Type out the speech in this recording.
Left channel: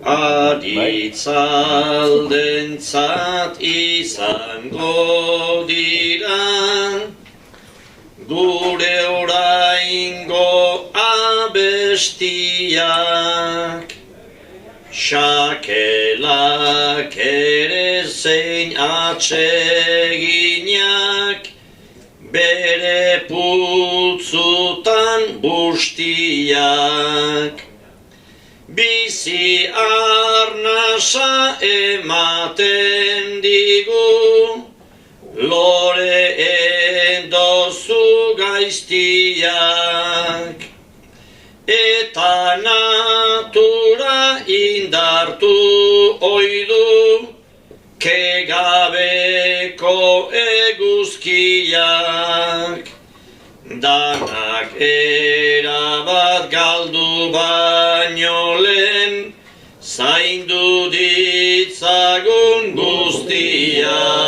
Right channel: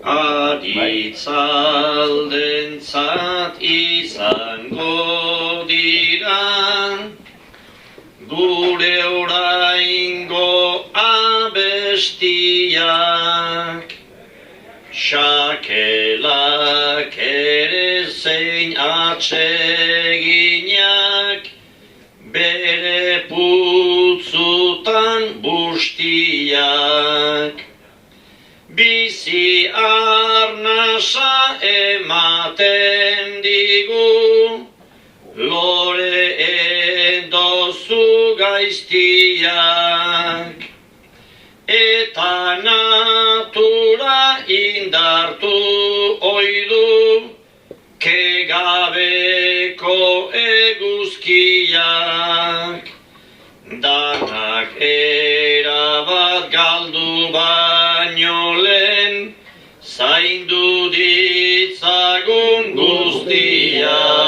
Aditzaldentzat izango dira gure oraingo abestiak, xakelak ere zein atseginak, bere putzutan bustiak. Bizi arnasa ematen digu, lore endozu gaiztiak. Eta natura indartu oidu, kegabeko eguzkiak. Danak erabat galdu baino lehen, zaindu ditzagun guztiak.